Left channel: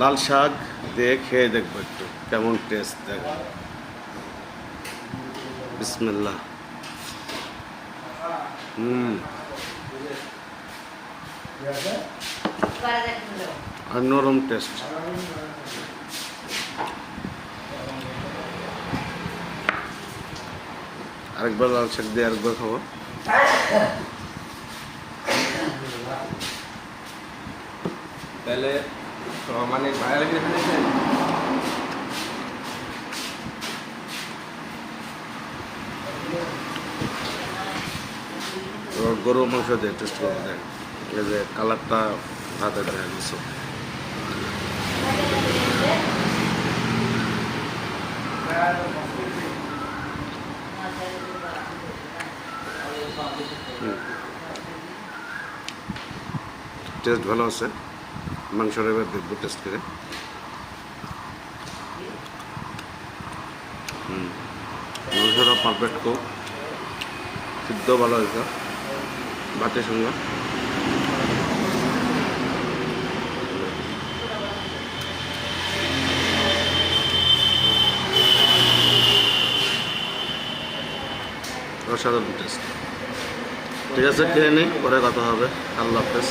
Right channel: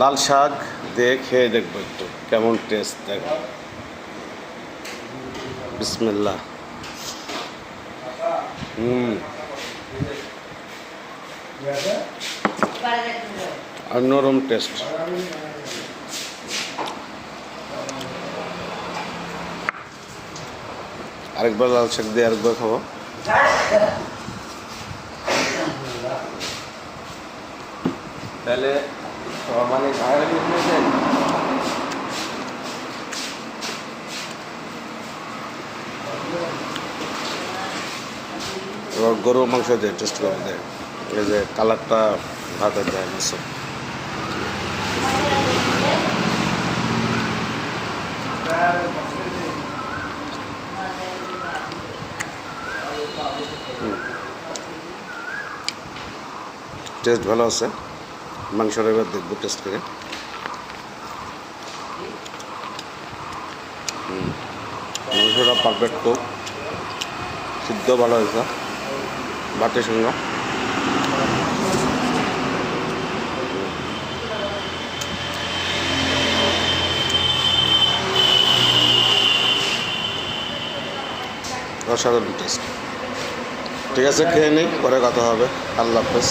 লাল শাক দিয়ে খেয়ে দেখবো একটু কেমন টেস্ট দেখ। বিসমিল্লাহ। আর নরম টেস্ট। আরেকবার লাল শাক দিয়ে আরেকবার খাবো। তাহলে মানে বাঙালি এবার গরু মাংস দিয়ে টেস্ট করবো দেখ। এই যে কালারটা হাতে দেয় মাছ। টেস্ট ভালো আছে। মাংসটা এবার দেখবো টেস্ট করে। মাংসটা পারফেক্ট, খুব সিদ্ধ ভালো হয়েছে ভাতের সঙ্গে। অসাধারণ টেস্ট। ঠিক আছে, খেয়ে নিই, পরে কথা হবে। আল্লাহ হাফেজ।